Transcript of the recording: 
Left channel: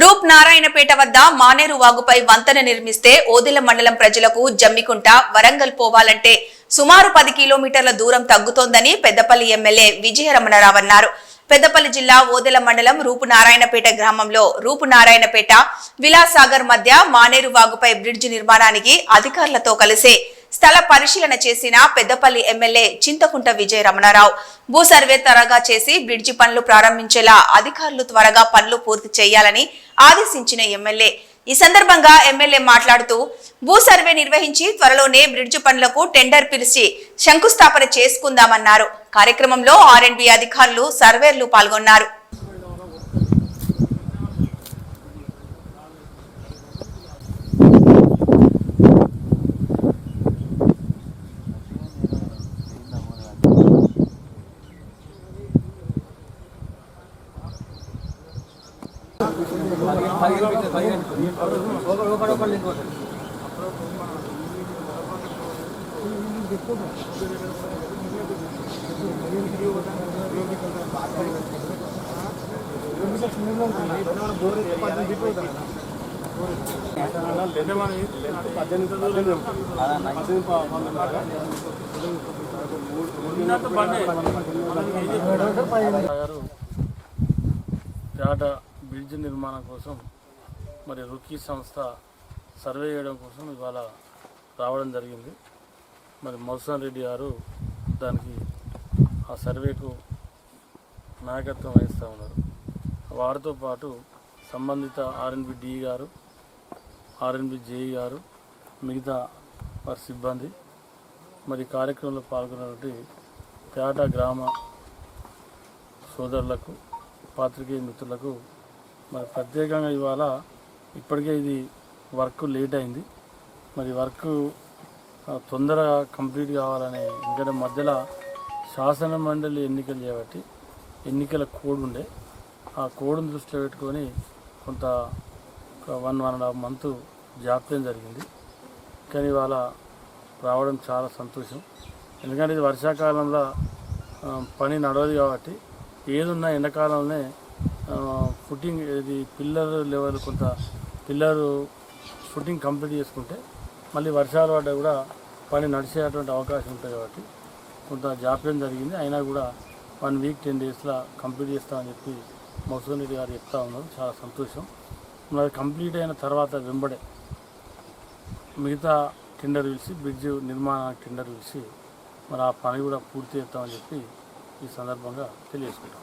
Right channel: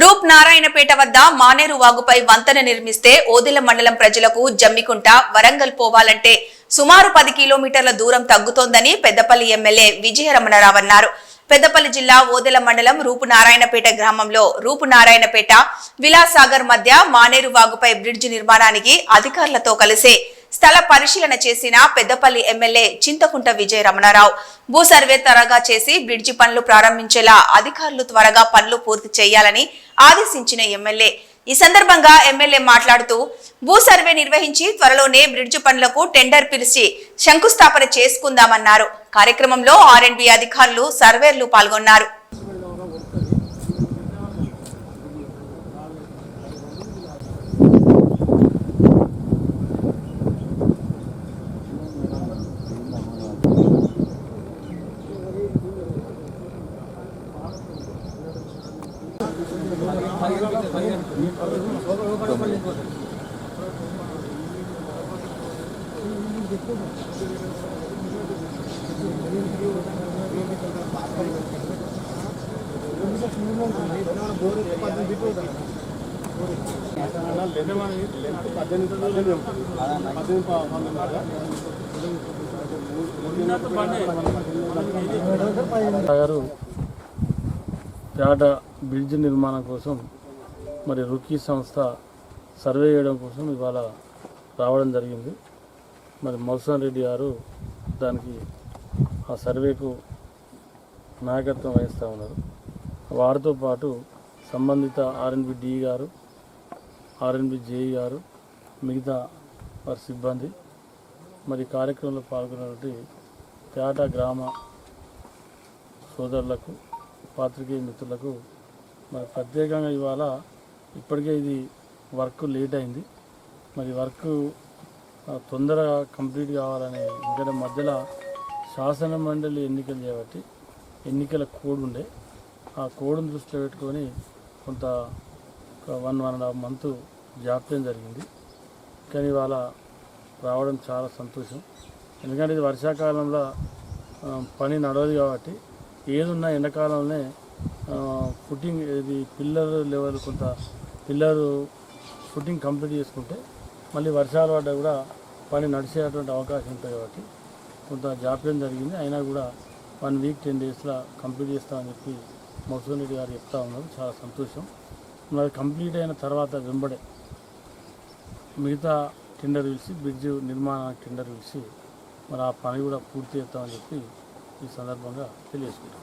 రూప్ నారాయణపేట వద్ద మానేరు వాగుపై వంతెన నిర్మిస్తే ఓదెల మండలం ప్రజలకు జమ్మికుంట వరంగల్ పోవాలంటే సుమారు 10 కిలోమీటర్ల దూరం తగ్గుతోందని పెద్దపల్లి ఎమ్మెల్యే విజయరమణరావు అన్నారు. పెద్దపల్లి జిల్లా ఓదెల మండలం రూపు నారాయణపేట గ్రామంలో రూపు నారాయణపేట విలాసాగర్ మధ్య మానేరు వాగుపై బ్రిడ్జి నిర్మాణానికి అధికారులతో కలిసి స్థల పరిశీలన చేసిన పెద్దపల్లి ఎమ్మెల్యే చింతకుంట విజయరమణరావు భూ సర్వే త్వరగా చేసి బ్రిడ్జి పనులు ప్రారంభించేలా అధికారులు త్వరగా పనులు పూర్తి చేయాలని ఆదేశించిన ఎమ్మెల్యే ఈ సందర్భంగా ఎమ్మెల్యే మాట్లాడుతూ భూ సర్వే నిర్వహించి త్వరలోనే బ్రిడ్జి పనులకు టెండర్ పిలిచి శంకుస్థాపన చేసుకుందామన్నారు. కార్యక్రమంలో ఆర్ఎండ్బి అధికారులు సర్వేర్లు పాల్గొన్నారు. పేట బ్రిడ్జ్ నిర్మాణం కోసం మరి రుకీ సంస్థ సర్వే చేయడం కోసం ఇవాళ రావడం జరిగింది. మరి మధుసూదన్ రెడ్డి గారు దానికి ఆ సర్వేకు నాయకత్వం వహిస్తూ ఉన్నారు. వారితో పాటు సంబంధిత ఆర్ఎన్బి డి గారు, ఆర్ఎన్బి జేఈ గారు, మిగతా వారి సిబ్బంది మరి కార్యక్రమంలో పాల్గొన్నటువంటి పేట గ్రామ సోదరులకు, పాత్రికేయ మిత్రులకు మరి ప్రత్యేకంగా ఇవాళ ఇప్పటికే ఇది వర్క్ లేట్ అయింది. మరి వర్క్ తొందరగా కంప్లీట్ కావాలని, ఎందుకంటే మధ్యలో శాసన మండలి ఎన్నికలు చేయబట్టి ఎన్నికల కోడ్ ఉండే, ఆ కోడ్ను దృష్టిలో పెట్టుకొని కొంత 1.5 మంత్ జాప్యం జరిగింది. కానీ ఇవాళ రావడం చాలా సంతోషం. ఎందుకంటే ఇది వర్షాకాలంలో పని నడవదు కాబట్టి ఏదున్నా ఎండాకాలంలోనే ఫుటింగ్ ఇది పిల్లర్ లెవెల్ కొంత పిల్లర్ ఫుటింగ్ కంప్లీట్ చేసుకుంటే మళ్ళీ వర్షాలు పడ్డా కూడా పని నడిచేటువంటి అవకాశం ఉంటుంది కాబట్టి కొంత జాప్యం జరిగింది. అయినా కూడా 1 వీక్ 10 డేస్లో కంప్లీట్ చేస్తామని చెప్పి మధుసూదన్ రెడ్డి గారు చెప్తా ఉన్నారు. చాలా సంతోషం. మరి కంప్లీట్ అయిన తర్వాత వెంబడే మిగతా టెండర్ పిలిచి బ్రిడ్జ్ నిర్మాణ టెండర్ పిలిచి మరి ఆ పని కూడా పూర్తి చేస్తామని చెప్పి ఈ సందర్భంగా తెలియజేసుకుంటాం.